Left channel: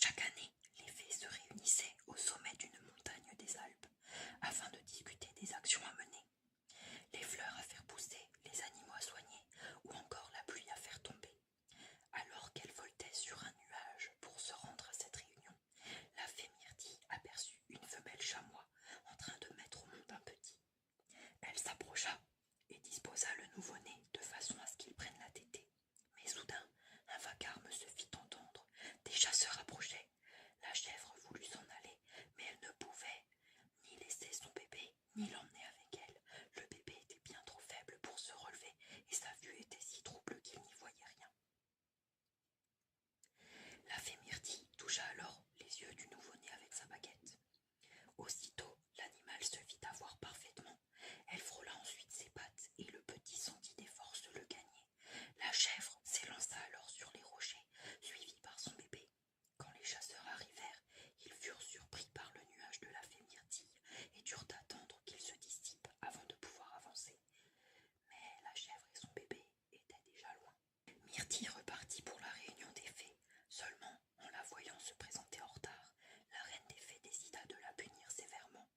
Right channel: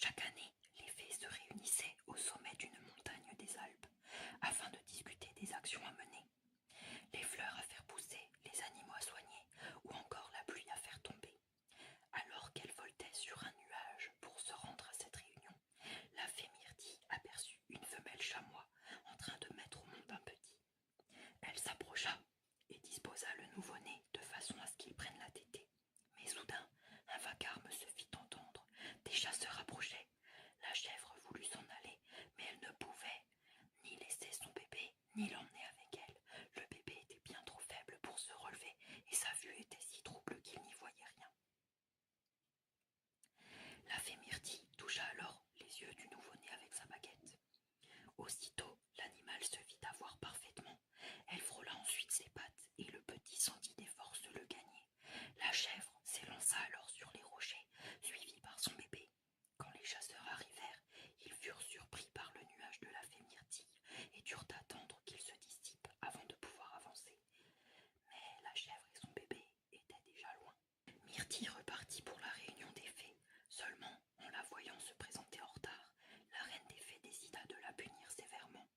Chaque année, les fées se réunissaient au sommet d'une montagne des Alpes afin de discuter des actions à mener. Les fleurs à faire pousser, les animaux à soigner ou encore la pluie à faire tomber. Alors qu'elle voltait sur un nuage pour se rendre à cette réunion, la fée Myrtille aperçut une femelle chamois en train de mettre au monde un petit. Elle s'approcha et disposa le nouveau-né de façon à ce qu'il prenne la tétée. Mais soudain, un vacarme se fit entendre. Des chasseurs approchaient. La chèvre voulut s'en aller, mais elle ne pouvait ni laisser son bébé, ni l'emmener avec elle. Le bébé était bien trop faible pour se relever, et sa vue était si trouble qu'il n'y voyait rien. La fée Myrtille toucha alors les yeux du nouveau-né avec sa baguette. Aussitôt, l'animal se fit avoir parfaitement. Elle frôla ensuite ses pattes, et le petit sentit des forces le gagner. La chèvre s'élança alors sur les rochers, suivie par son bébé. Quand les chasseurs arrivèrent, ils furent surpris par le nuage de la fée Myrtille et durent attendre qu'il se dissipe avant de pouvoir avancer. Mais la chèvre et son bébé étaient déjà loin. Myrtille repartit pour la réunion des fées. Seulement, en la voyant se présenter en retard, la reine des fées décida de la punir sévèrement.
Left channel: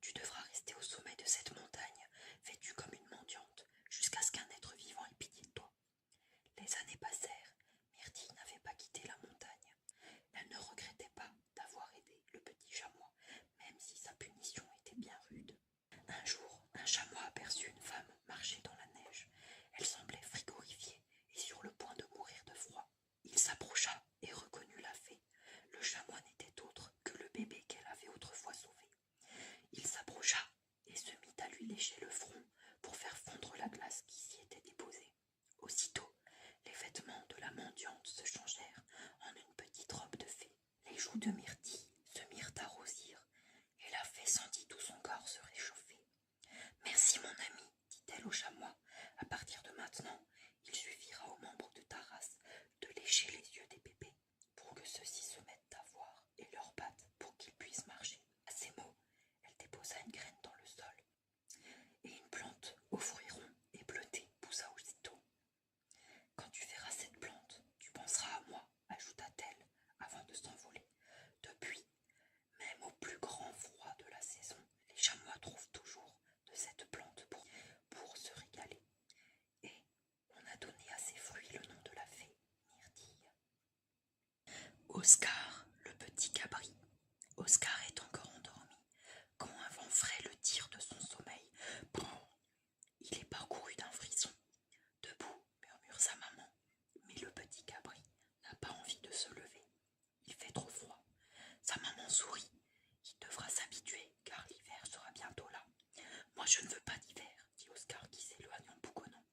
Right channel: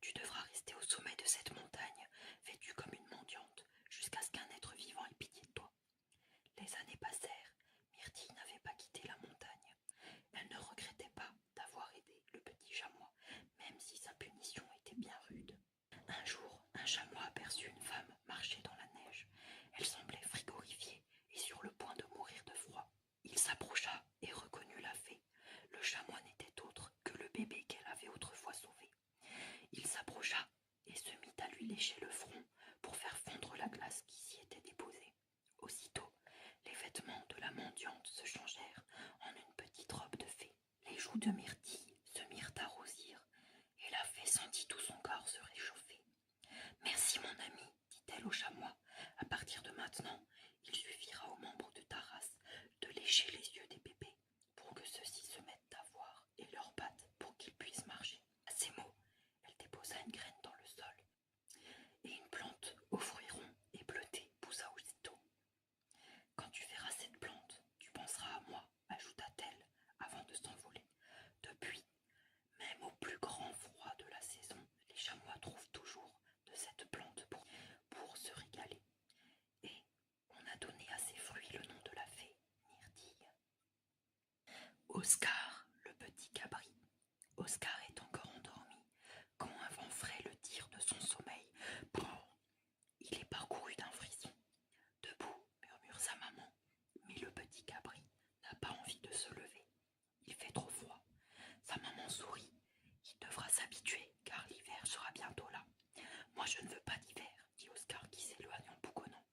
Tu devras rester au sommet de cette montagne, vêtue comme une mendiante, jusqu'à ce qu'un être vivant ait pitié de toi. Les années passèrent, Myrtille n'avait pas quitté la montagne. Elle ne regrettait pas d'avoir aidé le petit chamois, même si sa punition était bien rude. Un jour, un chamois aperçut une femme marcher dans la neige. Elle semblait frigorifiée et sur le point de mourir de froid. Il s'approcha et reconnut la fée. Le chamois n'était autre que le bébé qu'elle avait autrefois sauvé. Il s'approcha et se mit à lui lécher le front pour faire fondre la glace qui s'y était déposée. Aussitôt, les vêtements de la mendiante se changèrent en une petite robe de fée. Les joues de Myrtille se mirent à rosir et la fée sentit tout son corps se réchauffer. « Merci mon ami, dit-elle au chamois. À partir de maintenant, il suffira aux membres de ta race de lécher les yeux des bébés pour que ceux-ci se mettent à voir et leurs pattes pour qu'ils puissent marcher. » À ces mots, elle déposa une graine dans le sol et une plante aux fruits ronds et bleutés poussa aussitôt. « Quand tu verras cette plante, tu penseras à moi, ajouta-t-elle avant de s'envoler. Depuis, même au plus grand froid de la saison, les chamois trouvent toujours de cette plante pour se régaler. Et on a donné à ces fruits le nom de la fée Myrtille. Oscar, le petit cabri. Oscar est encore endormi quand un vent frais le tire de son sommeil. Brrr, il est parcouru d'un frisson. Debout, murmure sa maman, mais le petit cabri n'a pas envie de se lever. Il fait trop froid. Sa maman sourit. Il devra s'habituer, car l'hiver sera bientôt là. Moi je ne veux pas d'hiver, dit Oscar qui s'éloigne en bougonnant.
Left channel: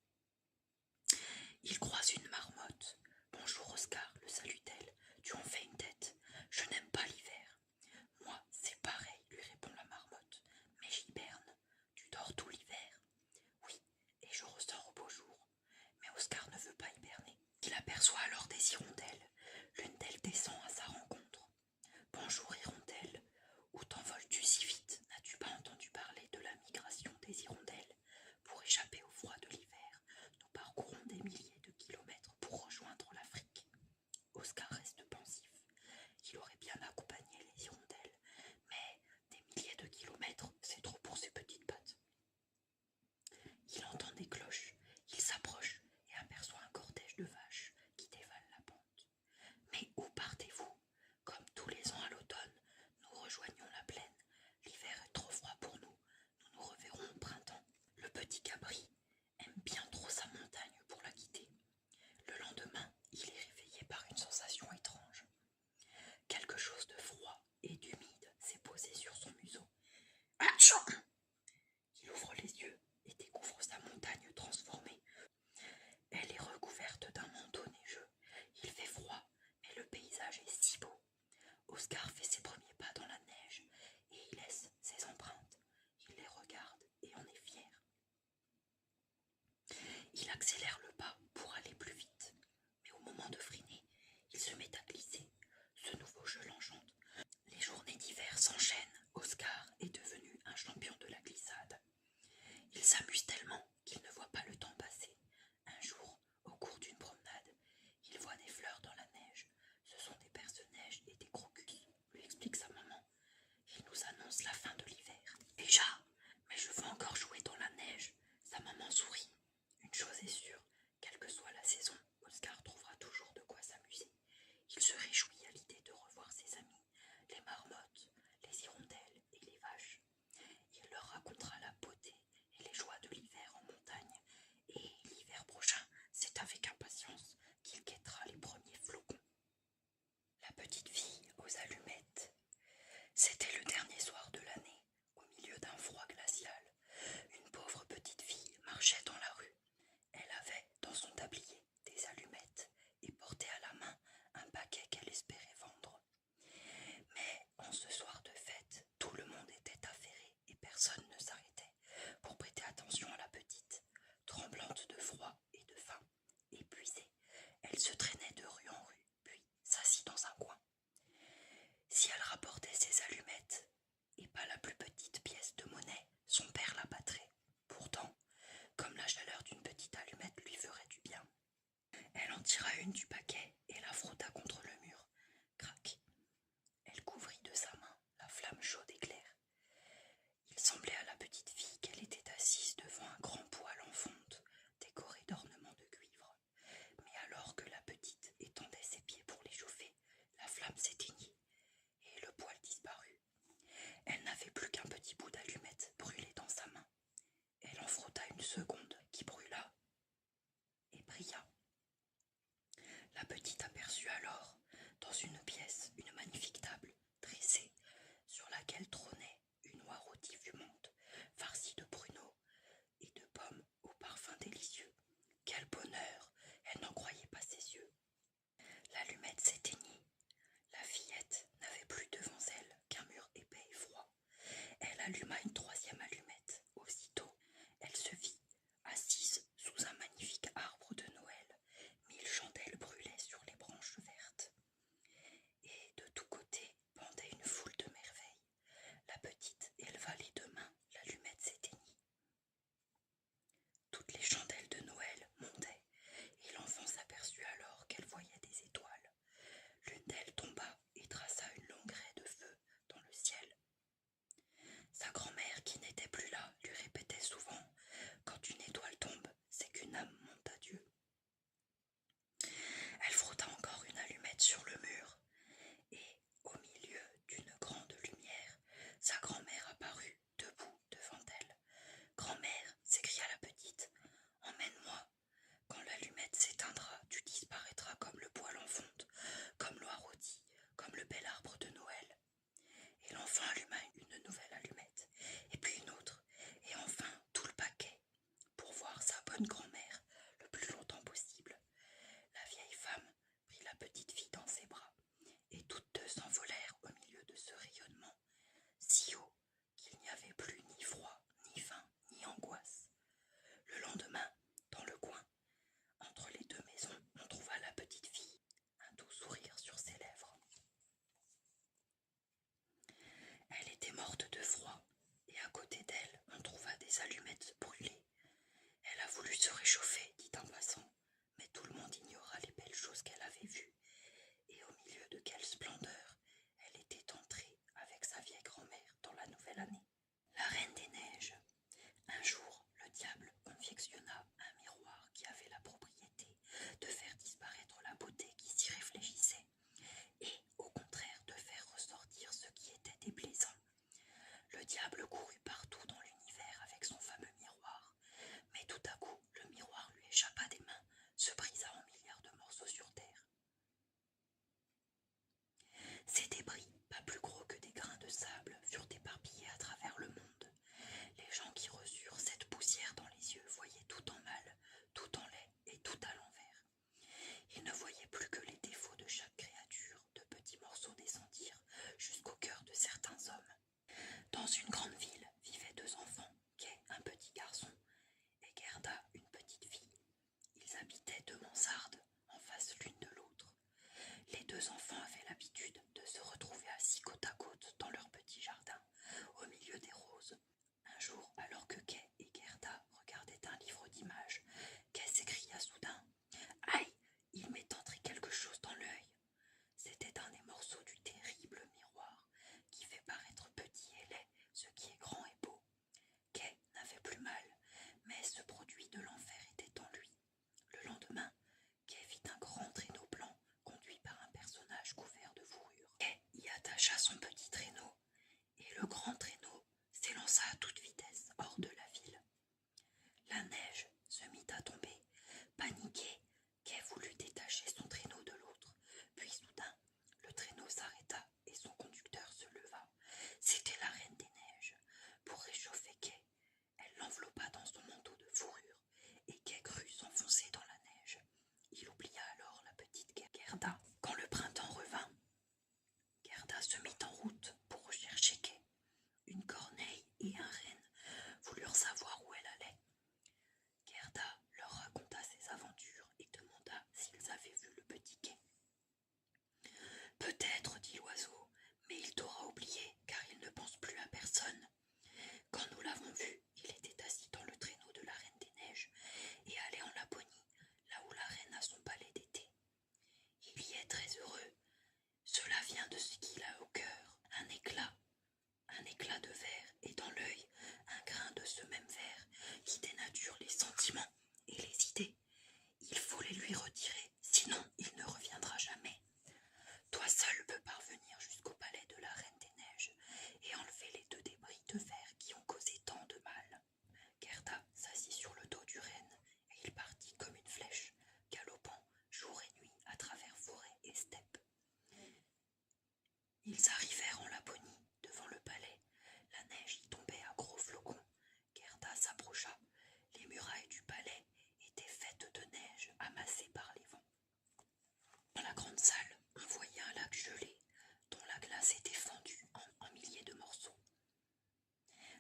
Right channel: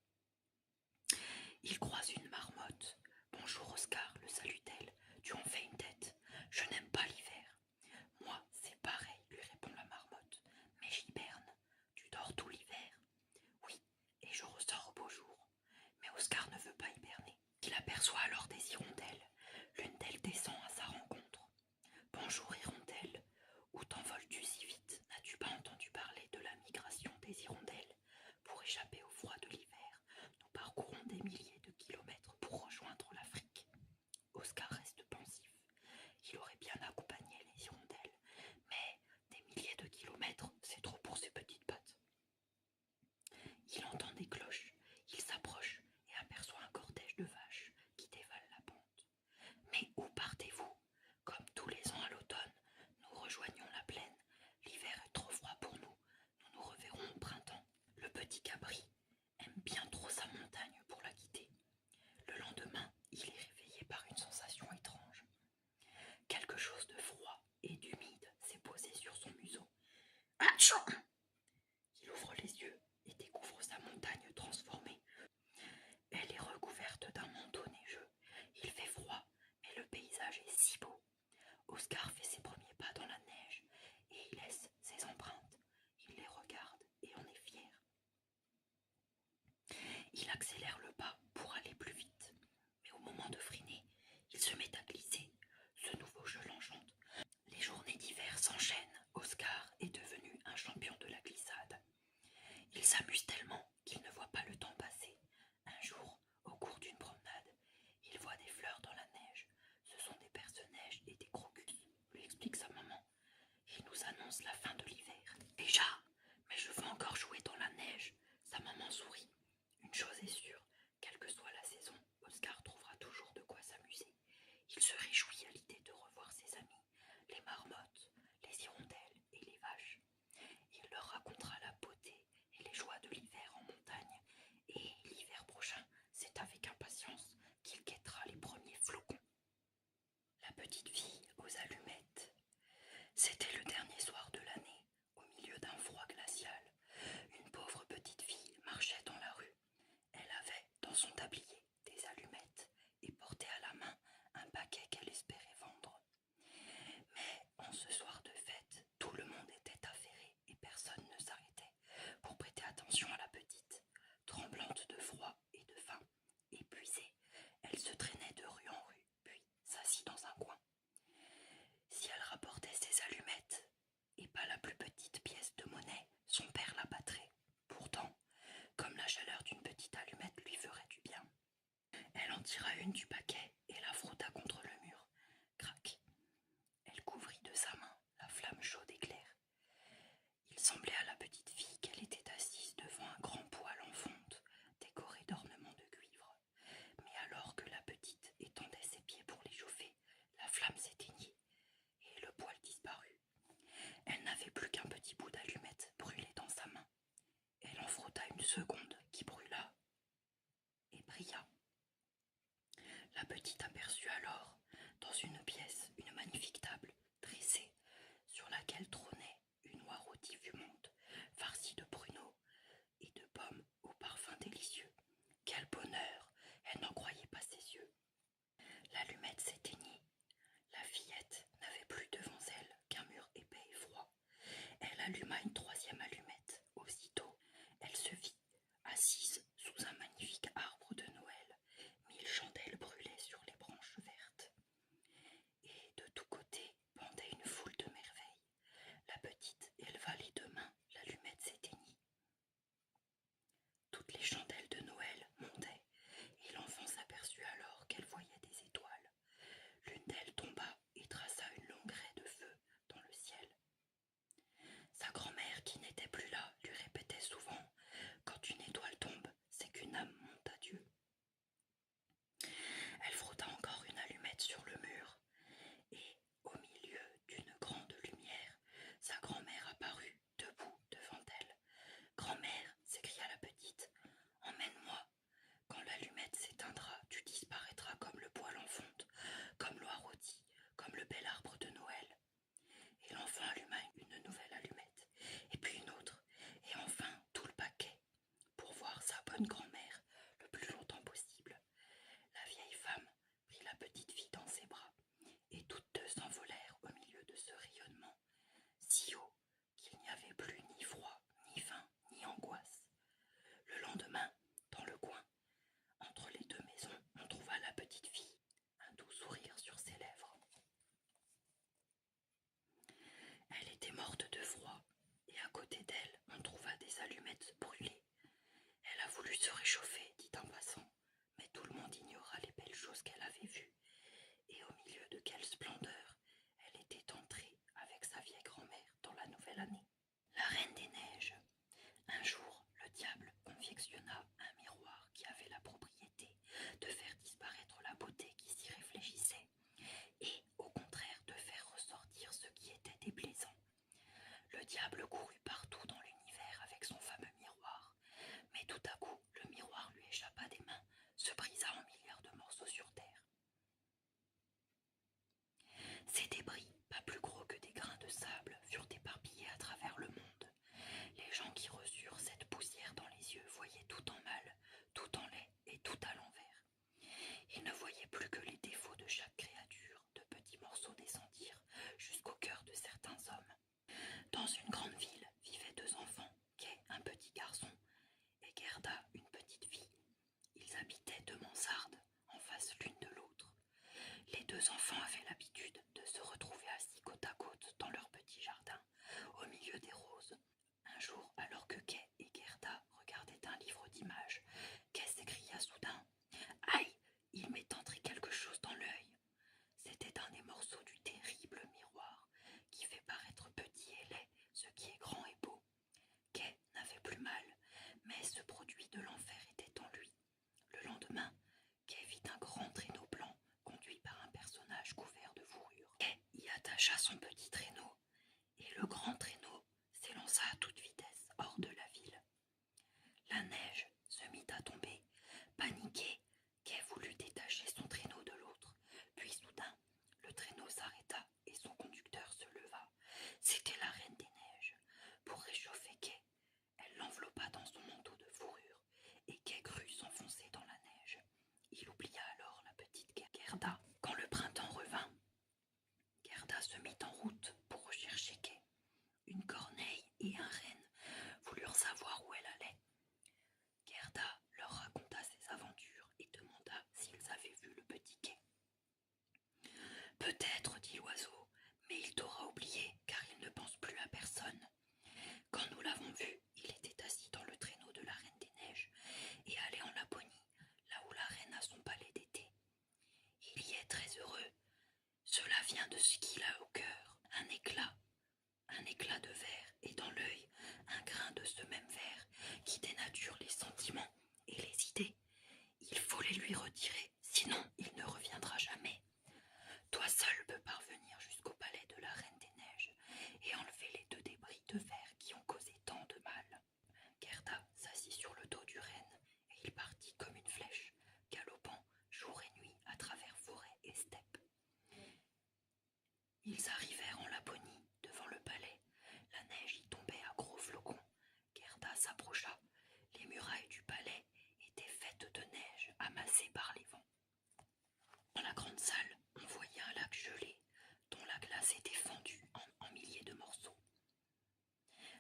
Il croise une marmotte. Bonjour Oscar, le salue-t-elle. Tu en fais une tête. Je n'aime pas l'hiver. Moi, c'est pareil, lui répond la marmotte. Mais j'hiberne. Tu dors tout l'hiver? Oui, et je ressors au beau jour. Mais Oscar ne veut pas hiberner. Il aperçoit alors des hirondelles. L'une d'elles descend à sa rencontre. Bonjour hirondelle, où t'envoles-tu si vite? N'as-tu pas entendu parler de la migration des hirondelles? Pour échapper au froid de l'hiver, nous parcourons des milliers de kilomètres pour rejoindre l'Afrique. Oscar reste pensif. Il aurait bien accompagné les hirondelles, mais des milliers de kilomètres, c'est trop pour ses petites pattes. Il entend des cloches, il s'approche et aperçoit un cortège de vaches qui dévalent la pente. Mais où partez-vous? Comme tous les ans à l'automne, nous rejoignons la plaine. L'hiver est trop froid pour nous. Nous nous reverrons au printemps. Le petit cabri aime bien trop sa montagne pour la quitter. Le lendemain, il est réveillé par une sensation étrange. Quelque chose de froid et d'humide s'est posé sur son museau. Atchou! Il ouvre les yeux et découvre sa montagne transformée. Elle est recouverte d'un manteau neigeux. Il fait froid, mais le paysage est si beau. Oscar fait ses premiers pas dans la neige et il laisse ses empreintes. Il les regarde et en est fier. Il accélère le pas pour aller plus vite, mais au moment de freiner, il se met à glisser. Ce nouveau jeu l'enchante. Les journées d'hiver s'enchaînent. Oscar est devenu un champion de la glissade. Il s'amuse tellement qu'il ne voit pas le temps passer. Un jour, au cours d'une promenade, il voit des fleurs dans la neige. Ce sont des perce-neige et explique sa maman. Il nous annonce la fin de l'hiver. Déjà, mais je veux encore jouer dans la neige. Sa maman sourit. Une chose est sûre, quelle que soit la saison, Oscar trouvera toujours de quoi s'amuser. Il se réjouit à l'idée de revoir ses amis, les marmottes, les hirondelles et les vaches. Il leur racontera la beauté et les joies de l'hiver en montagne. Et l'hiver prochain, c'est avec impatience qu'il guettera les premiers flocons. La petite fille aux allumettes. C'était le dernier soir de l'année, au milieu d'un froid glacial. Une pauvre petite fille marchait dans la rue. Elle avait dans son tablier des allumettes et portait à la main un paquet qu'elle espérait vendre. Mais en ce soir de fête, tout le monde était affairé et personne ne s'arrêtait pour prêter attention à la petite. Tremblante de froid et de faim, épuisée, elle se traînait de rue en rue, puis s'assit dans un coin. Si elle rapportait ses allumettes, et pas la plus petite pièce de monnaie, son père la battrait. Pourtant, comme la chaleur d'une petite allumette lui ferait du bien. Elle en tira une du paquet et la frotta contre le mur. Crac! Elle couvrit de sa main la flamme chaude et claire. Il semblait à la petite fille qu'elle était assise devant un grand poêle en fonte, décoré d'ornements de cuivre. Mais alors que la petite étendait ses pieds pour les chauffer, la flamme s'éteignit et le poêle disparut. Elle n'avait plus qu'un petit bout d'allumette brûlé dans sa main. Elle en frotta une seconde qui brûla et brilla. La petite aperçut alors, dans une pièce, une magnifique table dressée, sur laquelle trônait une oie rôtie fumante, farcie de pruneaux et de pommes au parfum délicieux. Quel bonheur! Elle n'en croyait pas ses yeux. L'allumette s'éteignit. La fillette n'avait plus devant elle qu'un mur épais et froid. Elle alluma une troisième allumette. Aussitôt, elle se vit assise sous un magnifique arbre de Noël. 1000 chandelles brûlaient sur les branches vertes. Et de tous côtés pendait une foule de merveilles. La petite éleva les deux mains, l'allumette s'éteignit. Toutes les chandelles de Noël montaient, et l'enfant s'aperçut alors qu'elle voyait des étoiles. L'une d'elles tomba et traça une longue raie de feu dans le ciel. Sa grand-mère, qui n'était plus là, lui répétait souvent « Quand une étoile tombe, c'est qu'une âme monte à Dieu ». Elle frotta encore une allumette sur le mur, et, au milieu d'une grande lumière, sa grand-mère apparut, debout devant elle. « Grand-mère » s'écria la petite, « emmène-moi. Quand l'allumette s'éteindra, tu disparaîtras comme le poêle en fonte, comme l'oie rôtie, comme le bel arbre de Noël. » Et l'enfant alluma une nouvelle allumette, et puis une autre, et enfin tout le paquet, pour voir sa bonne grand-mère le plus longtemps possible. La vieille femme prit la petite fille dans ses bras, et toutes deux s'envolèrent au milieu de ce rayonnement, si haut qu'il n'y avait plus ni froid, ni faim, ni angoisse. Le lendemain, dans le coin, entre les deux maisons, on trouva la petite fille, un doux sourire sur ses lèvres. Elle était morte de froid, et à côté d'elle, on trouva des allumettes brûlées. Elle a voulu se réchauffer, dit un passant, mais tout le monde ignora les belles choses qu'elle avait vues, et au milieu de quelle splendeur elle était entrée avec sa vieille grand-mère dans la nouvelle année. La Reine des Neiges. Un jour, le diable confectionna un miroir qui avait la propriété de faire disparaître la beauté qui s'y réfléchissait, et au contraire de faire ressortir ce qui était déplaisant. Le diable courut partout dans l'univers avec son fameux miroir, mais tout à coup le miroir lui échappa des mains, se brisa en milliards de morceaux sur terre. Ces débris, pas plus gros que des grains de sable, furent éparpillés à travers le monde. Les gens qui reçurent cette poussière dans les yeux voyaient tout en mal, tout en laid et tout à l'envers. Ils ne voyaient plus que les défauts de chaque créature, de petits morceaux descendirent jusqu'au cœur de certains hommes. Dans une grande ville vivaient deux enfants, Kay, un petit garçon, et Gerda, une petite fille. Ils habitaient deux mansardes, en face l'une de l'autre. Les deux enfants avaient l'habitude de se retrouver assis côte à côte dans leur petit jardin, au milieu des roses. Un jour, alors que Kay et Gerda regardaient un livre d'images, Kay s'écria soudain « Aïe, il m'est entré quelque chose dans l'œil !» C'était un des morceaux du terrible miroir attacha son petit traîneau, et le grand traîneau s'élança à toute vitesse hors de la ville. La neige se mit à tomber. Paniqué, Kay voulut détacher son traîneau de l'autre. Puis soudain, le traîneau s'arrêta et son conducteur se leva. C'était la Reine des Neiges. Pour réchauffer Kay, elle l'enveloppa dans son manteau de fourrure et Kay crut s'enfoncer dans la neige. Il oublia alors la petite Gerda. Quand le printemps revint, Gerda se mit en route pour rechercher Kay. Une corneille et un renne voulurent savoir où elle allait. Gerda leur raconta ses aventures et demanda s'ils avaient vu le petit Kay. Peut-être, dit l'oiseau, mais il t'aura oublié car il ne pense plus à personne. Quand nous l'avons vu, il était assis dans le traîneau de la Reine des Neiges et allait en Laponie, là où la reine a son palais d'été. Il y est très heureux. Cela vient de ce qu'il a au cœur, un éclat de verre, et dans l'œil, un grain de ce même verre qui dénature les sentiments et les idées. Il faut les lui retirer, sinon il ne reviendra jamais. Toi seul peux parvenir jusqu'au palais de la Reine des Neiges et enlever les 2 débris de verre qui ont causé tant de mal. Gerda s'assit sur le dos du renne et il partit comme une flèche, galopant jour et nuit à travers forêt et steppe. Ils arrivèrent en Laponie, devant le palais. La neige y tombait à gros flocons. Gerda s'approcha. Les murailles du palais étaient faites de neige amassée par les vents. Dans la grande salle, on voyait un lac gelé, dont la glace était fendue en milliers de morceaux.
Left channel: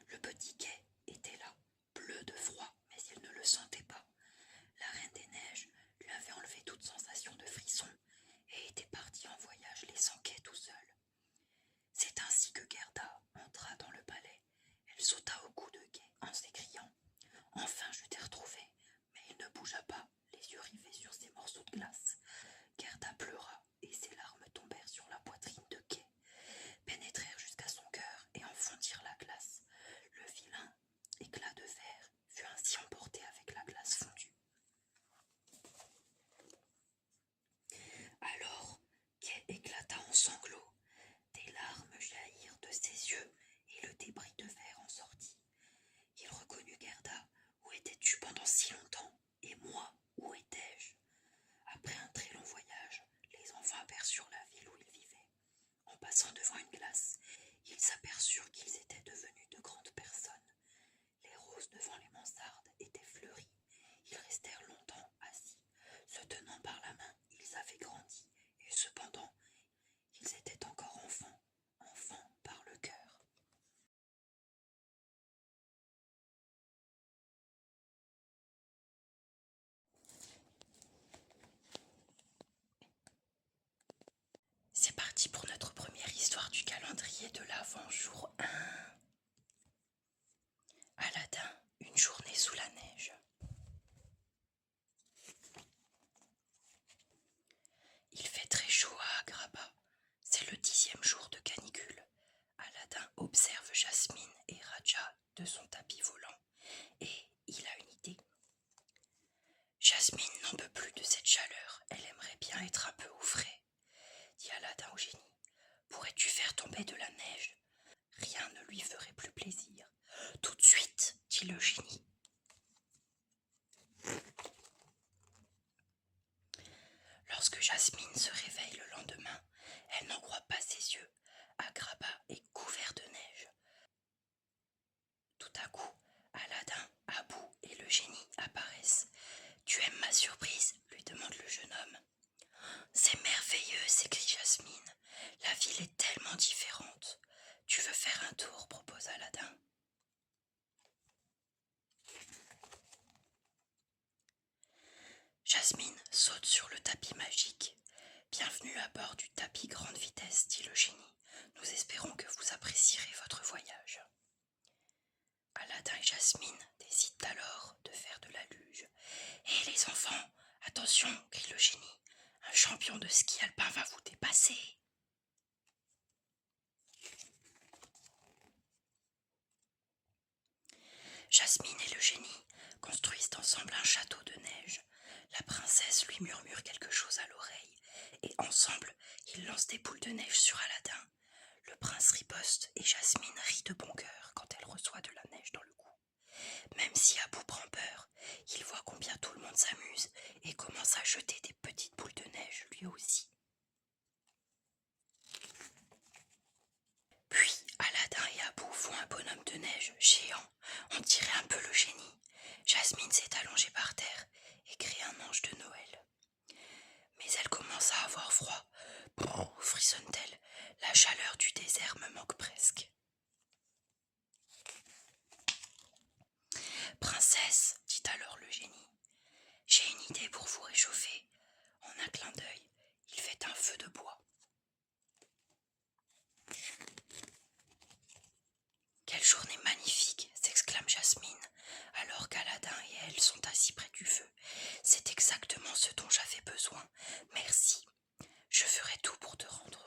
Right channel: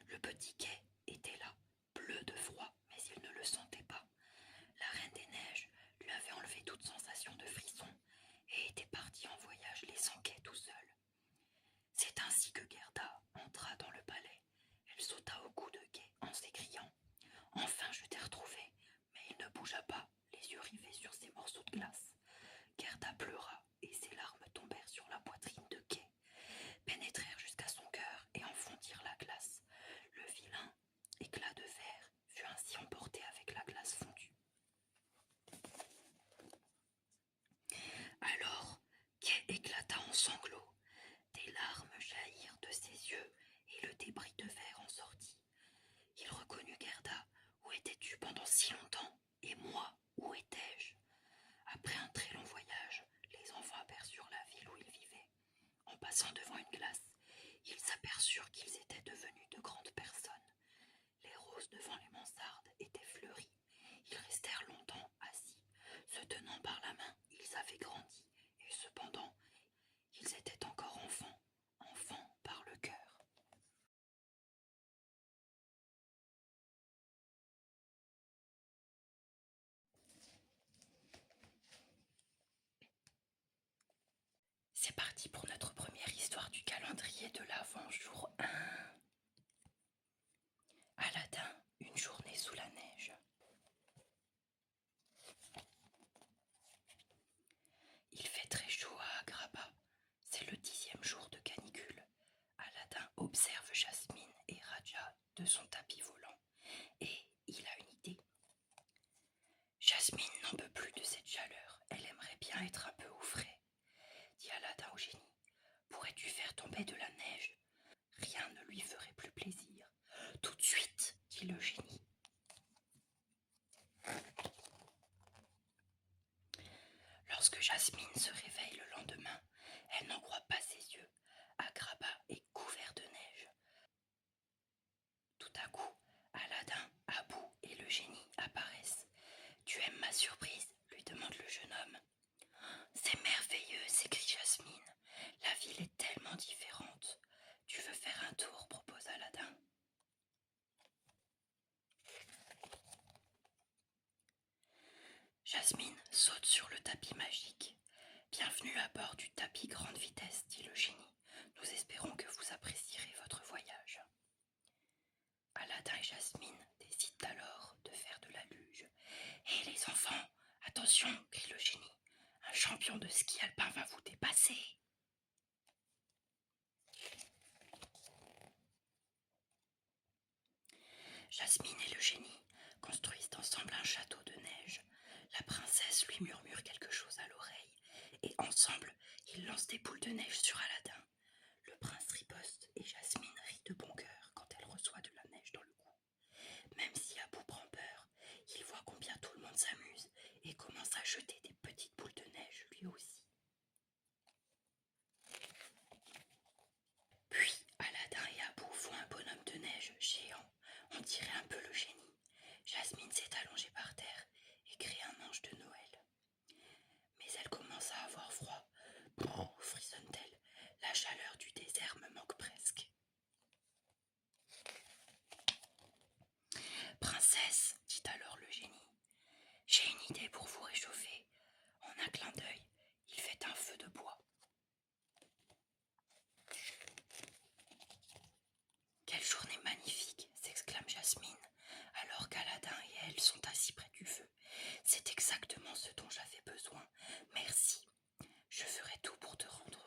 Le petit Kay était là, bleu de froid, mais il ne le sentait pas. La Reine des Neiges lui avait enlevé toute sensation de frisson et était partie en voyage laissant Kay tout seul. C'est ainsi que Gerda entra dans le palais. Elle sauta au cou de Kay en s'écriant « Enfin je t'ai retrouvé !» Mais il ne bougea pas, les yeux rivés sur ces morceaux de glace. Gerda pleura et ses larmes tombèrent sur la poitrine de Kay, pénétrèrent jusqu'à son cœur et en fondirent la glace. Le vilain éclat de verre fut ainsi emporté avec la glace fondue. Alors Kay éclata en sanglots. Des larmes jaillirent de ses yeux et le débris de verre en sortit. Il reconnut Gerda. Où étais-tu pendant si longtemps? Et moi, où étais-je? Après un très long voyage, les enfants aperçurent la ville où ils vivaient. En passant devant une glace, ils s'aperçurent qu'ils étaient devenus de grandes personnes. Les roses devant les mansardes étaient fleuries. Ils restèrent longtemps assis. Se tenant par la main, ils avaient grandi, et cependant, ils étaient encore enfants par le cœur. C'est parti pour notre première histoire du calendrier de l'Avent, jour 1. Aladin, une journée sous la neige. Il fait très chaud à Agrabah. C'est le 10e jour de canicule. Aladin observe Jasmine et Raja de son tapis volant et il a une idée. Jasmine n'en peut plus de cette chaleur. Elle aimerait bien être un peu au frais. Dit Aladin au génie. Pourrais-tu faire tomber de la neige? Rien ne lui ferait plus plaisir. Tout de suite, dit le génie. Lorsque Jasmine se réveille le lendemain, elle n'en croit pas ses yeux. Agrabah est couvert de neige. Tout à coup, Aladin, Abou et le génie apparaissent. « Tu aimes ma surprise ?» lui demande le jeune homme. « C'est merveilleux !» s'écrie Jasmine. « La ville est tellement différente. Tu veux faire un tour ?» propose Aladin. Jasmine saute sur le tapis magique. « Bienvenue à bord du tapis grande vitesse » dit le génie. « Nous espérons que vous apprécierez votre voyage. » Aladin et Jasmine décident alors de faire de la luge. « Hé les enfants, attention !» crie le génie. « Un champion de ski alpin va vous dépasser !» Jasmine et le génie construisent ensemble un château de neige. La princesse lui murmure quelque chose à l'oreille et ensemble, ils lancent des boules de neige sur Aladin. neige géant, on dirait un peu le génie. Jasmine s'est allongée par terre et créé un ange de Noël. Mais elle commence à avoir froid. Brrr, frissonne-t-elle. La chaleur du désert me manque presque. Princesse, dit alors le génie, j'ai une idée pour vous réchauffer. En un clin d'œil, il fait un feu de bois. Quelle journée magnifique, s'exclame Jasmine, alors qu'Aladin et elle sont assis près du feu. C'est exactement ce dont j'avais besoin. Merci. Je ferai tout pour te rendre